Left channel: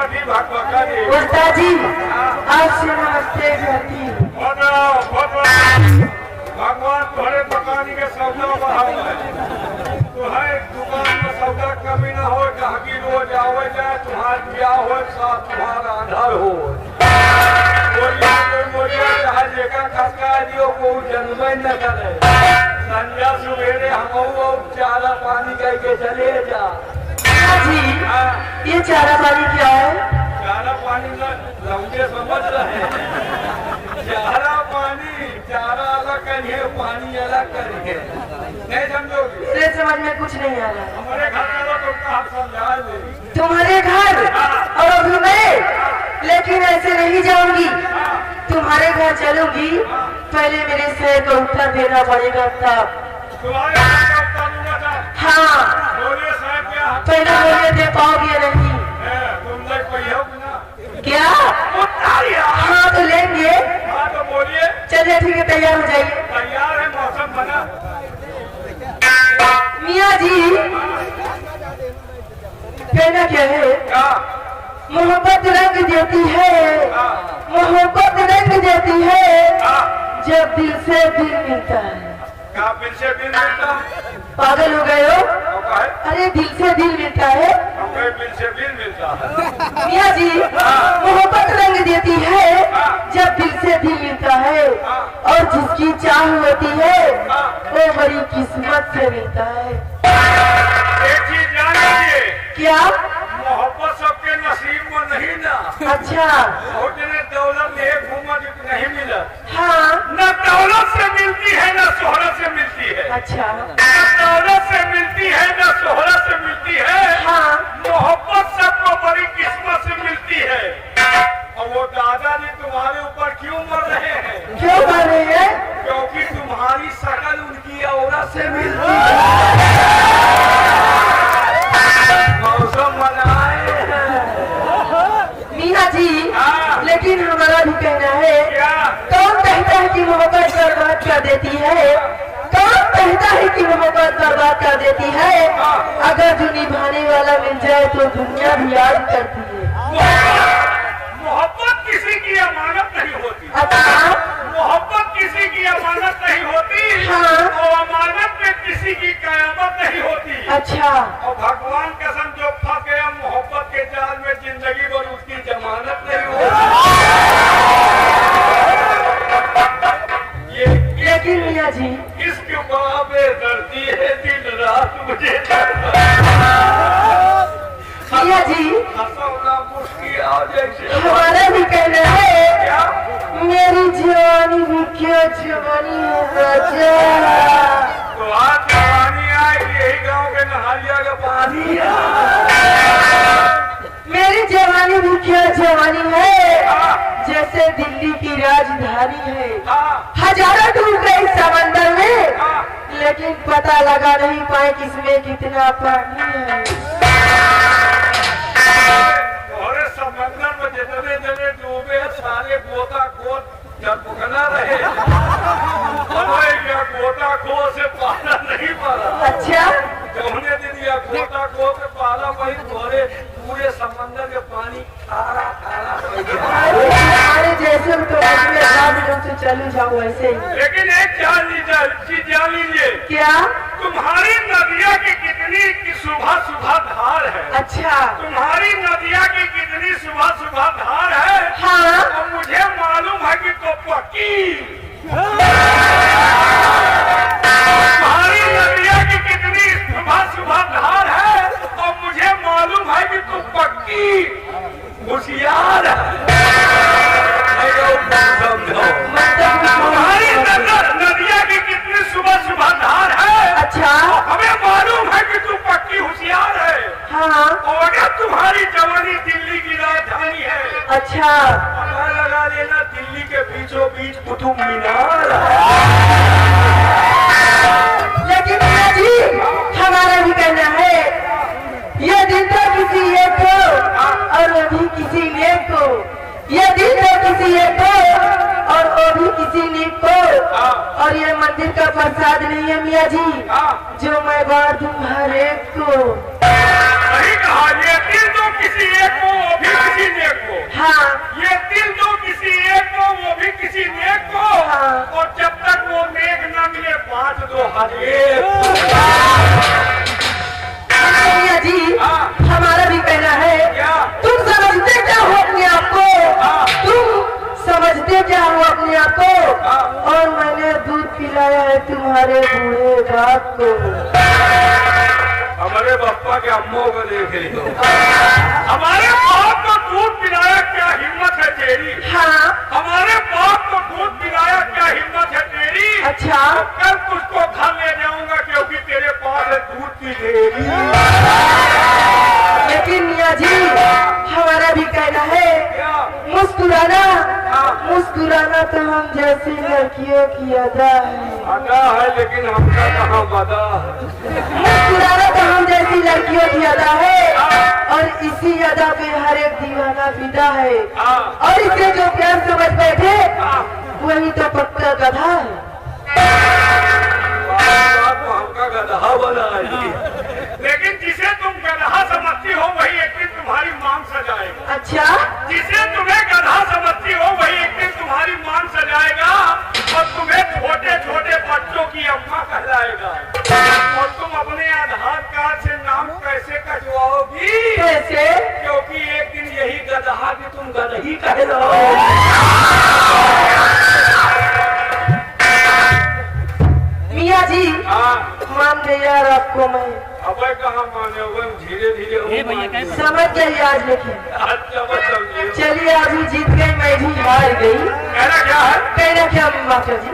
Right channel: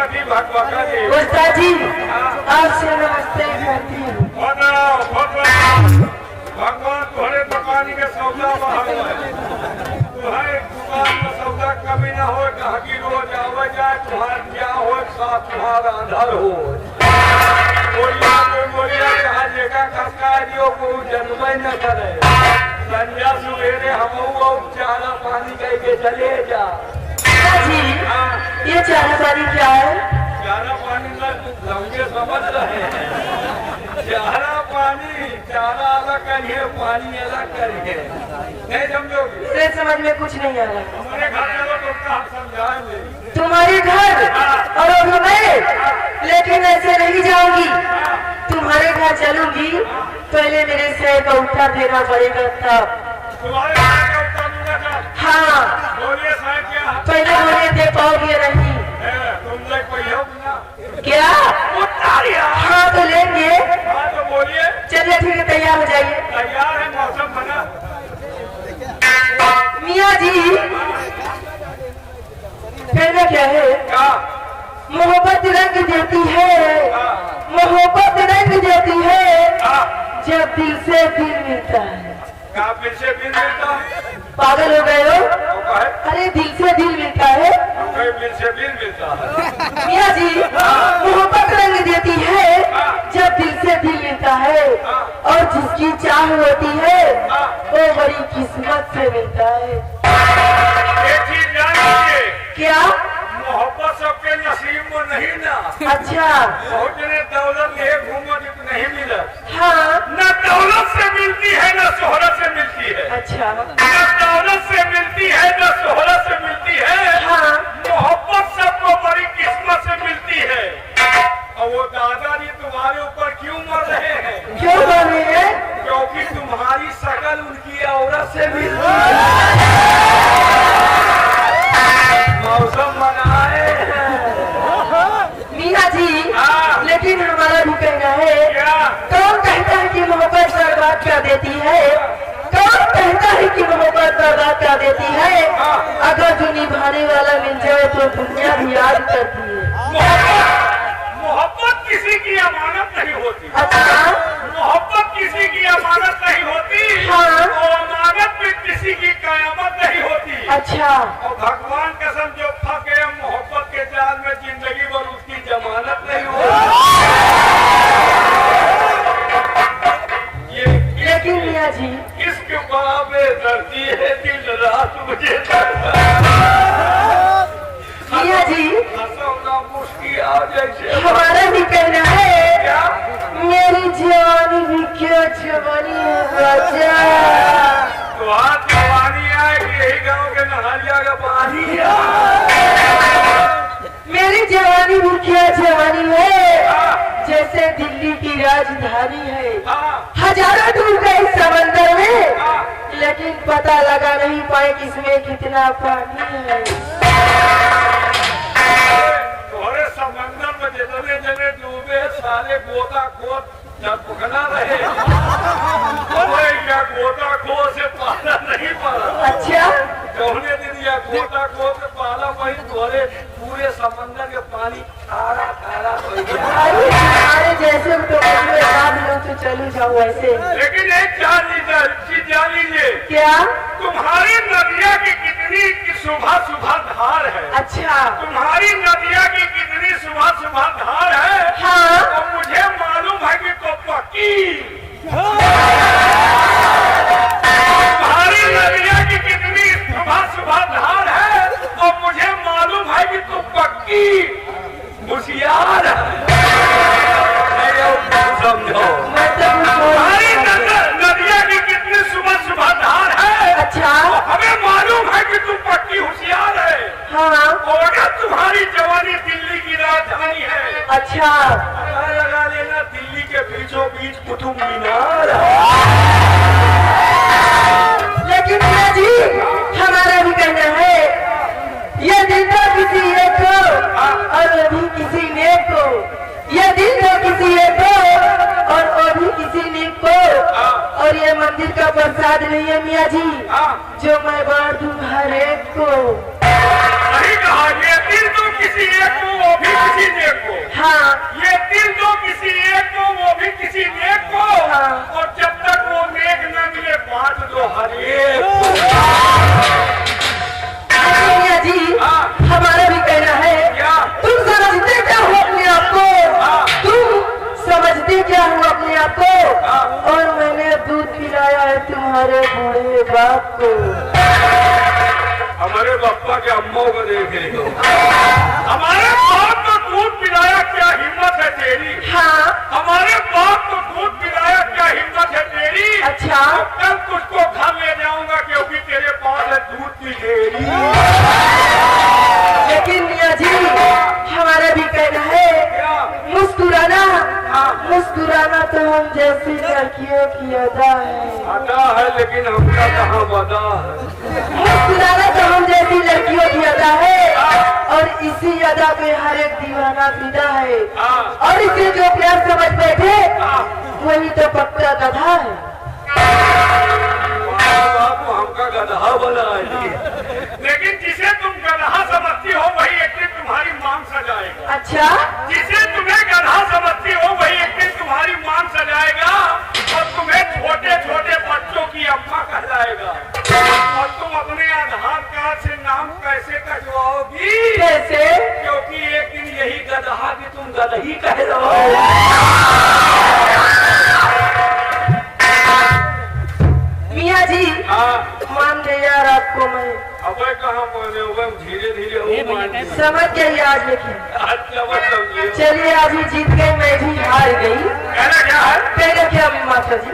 श्रीमती भगवका जी। उस्ताद जी आपसे नमस्ते करती हूँ। भगवान थोड़े दुकानी के सौदा बाहर तुम्हारे दुकान में सौदा कमी न हो, ग्राहकी रोज आवे जाए, तुम्हारा क्या हो साथ तुम्हारा अंधर हो। जहाँ लेकर खसका दियो को जन्म न करे। संध्या सुबेरे हम चारा पानी करके चले जा। जी ये चारा पानी क्या है? चारा पानी लौंगे समझ रहे हैं। चारा अलग करिए, पानी अलग करिए, नहीं समझोगे? मेरे समझ में कुछ नहीं आ रहा। हमारे घर चलो तो कहा समझाएंगे। तुम्हारे घर और अभी मैं, लेकिन ऐसे नहीं जाऊंगी। तुम्हारे घर चलूंगी, पहले मेरे शहर का उत्तर देना पड़ेगा तब। तुम्हारे घर का उत्तर दूंगा सर? हाँ बोलिए सर क्या? पहले बोलिए दे पाओगे नहीं? तुम लोग कोई हो ना? क्या? हाँ तो लेंगे। हाँ तो बोलिए। चलिए ठीक है, तैयार हो जाइए। तैयार है, मौसम बना। मियाँ जी कहना क्या है? क्या? मोहब्बत रंग देती है, मोहब्बत रंग देती है जब दिल से दिल मिलता है। क्या दिल से दिल मिलता है? पागल हो गए हो? अरे दिल से दिल मिलता है। दिल से दिल मिलता है। मियाँ जी मोहब्बत रंग देती है जब दिल से दिल मिलता है, और जिसकी चाह होती है वो बड़ी किस्मत से मिलता है। एक चीज जान लीजिए। क्या? मोहब्बत सबके नसीब में नहीं ना। अच्छा। बहुत जने दौलत ले घूमो जो नहीं मिला। हाँ न दौलत से मिलती है न शोहरत से मिलती है। अच्छा। न दौलत से मिलती है न शोहरत से मिलती है। हाँ मोहब्बत सबको बड़ी किस्मत से मिलती है। और वो दादाजी तुम्हारे ऊपर क्यों मर रहे हैं? क्यों मर रहे हैं? क्योंकि तुम्हारी शकल उनकी औरत से मिलती है। मौसम बनाए मीना जी लेकिन हमारा भी कहना है, कौन कहता है कि मोहब्बत बर्बाद कर देती है? कौन कहता है कि मोहब्बत बर्बाद कर देती है? अगर जो निभाने वाला मिल जाए तो दुनिया भी याद करती है। मोहब्बत किसी की अमानत नहीं होती। अच्छा। मोहब्बत किसी की अमानत नहीं होती। हाँ। और अमानत में किसी की कयामत नहीं होती। अच्छा। और भगवान कसम जो फंस गया मोहब्बत के जाल में, जिंदगी भर उसकी जमानत नहीं होती। ये लेकिन मियाँ जी इसके बाबे धरती है, दिन रात मुझे मियाँ जी मुश्किल आ जैसे। हमारा भी कहना है, क्या? मेरी जवानी भी क्यों जवानी है बच्चा। तो आज जवानी आएगी, यही गांव के नहालिया का पानी। मेरी जवानी भी क्या जवानी है जैसे दिल्ली की राजधानी है। हजारों डूब गए समंदर में, लेकिन पता लगा नहीं पाए कि इसमें कितना पानी है। समंदर में जितने जने डूबे सारे गोता खोद जब भुगना रहे, गोता खो से पाला नहीं पाला। अच्छा। जौने दिन या गोता खो से पाला वही थोड़े पूरे समंदर के पानी खारा खारा हो गया। अरे जैसे तो लोग तो चलू जाओ वैसे। लेकिन एक चीज जान लीजिए। क्या? तुम्हारी नदिया की कितनी सुबह सुबह धार है। अच्छा। तुम्हारी नदिया की कितनी सुबह सुबह धार है। हाँ। तो मुझे मालूम है कि तो पक्की। तुम्हारी नदिया की कितनी सुबह सुबह धार है, और मुझे मालूम है कि तू पक्की होशियार है। समझो तुम्हारी नदिया की कितनी सुबह सुबह धार है। अच्छा। हमें मालूम है कि तू पक्की होशियार है। हाँ। और अगर तुम्हारी जवानी दिल्ली की राजधानी है। अच्छा। लगा लेना दिल्ली के बीचों बीच कुतुब मीनार है। लेकिन जी हमारा भी कहना है, ये दिल तो किसी एक को और वो भी किसी नेक को, ये दिल तो किसी एक को और वो भी किसी नेक को, और ये मंदिर का प्रसाद नहीं है मियाँ जी जो मैं बांट दूं हर एक को। नहीं कहा, ये दिल तो किसी एक को वो भी किसी नेक को, हाँ ये दिल दो किसी एक को वो भी किसी नेक को, हाँ। और जब तक वो नेक न मिले बांट दो हर एक को। मियाँ जी हाँ। हमारा भी कहना है क्या? तुम समझते क्या हो अपने आप को? हाँ। तुम समझते क्या हो अपने आप को? हाँ। और मैंने दूध पिलाया है तुम्हारे बूढ़े बाप को। हमारे बापा के अम्मों को देख रही हो, हमारे बाप को दूध पिलाया, क्या हिम्मत है तेरी? हाँ हमारे बाप को दूध पिलाया, क्या हिम्मत है तेरी? अच्छा। कल तुझको घर ले जाऊंगा क्योंकि तेरे पास है दूध की डेयरी। लेकिन मियाँ जी हमारा भी कहना है क्या? मुस्कुराना, हाँ। मुस्कुराना तो हम जैसी लड़कियों की अदा है। अदा है लेकिन हमका कहाँ वदा है। मुस्कुराना तो हम जैसी लड़कियों की अदा है, और इसी अदा पे हर एक दीवाना फिदा है, हाँ। और इसे जो प्यार समझ बैठे हाँ। वही तो पक्का गधा है। बाप को हमका गधा बनाई, लेकिन जिसे तुम गधा समझती हो वही एक दिन तुम्हारी मांग सजाएगा। अच्छा जिसे तुम्हें गधा समझती हो वही एक दिन तुम्हारी मांग सजाएगा, और तुम्हें छोटे छोटे बच्चों की अम्मा कहलाएगा। और तुम अपने आधार कार्ड से नाम कैसे कटवाओगी? कैसे? क्योंकि एक दिन यही गधा की तुम गदही कहलाओ। मियाँ जी हाँ। मान गए यार आपको मैं, अब कहाँ माने हुए, धीरे धीरे समझ गई आज। लेकिन अच्छा वो समझिए। चलिए अभी जीत गई, मैं भी हार गई। कहना क्या है? कहना क्या माता जी?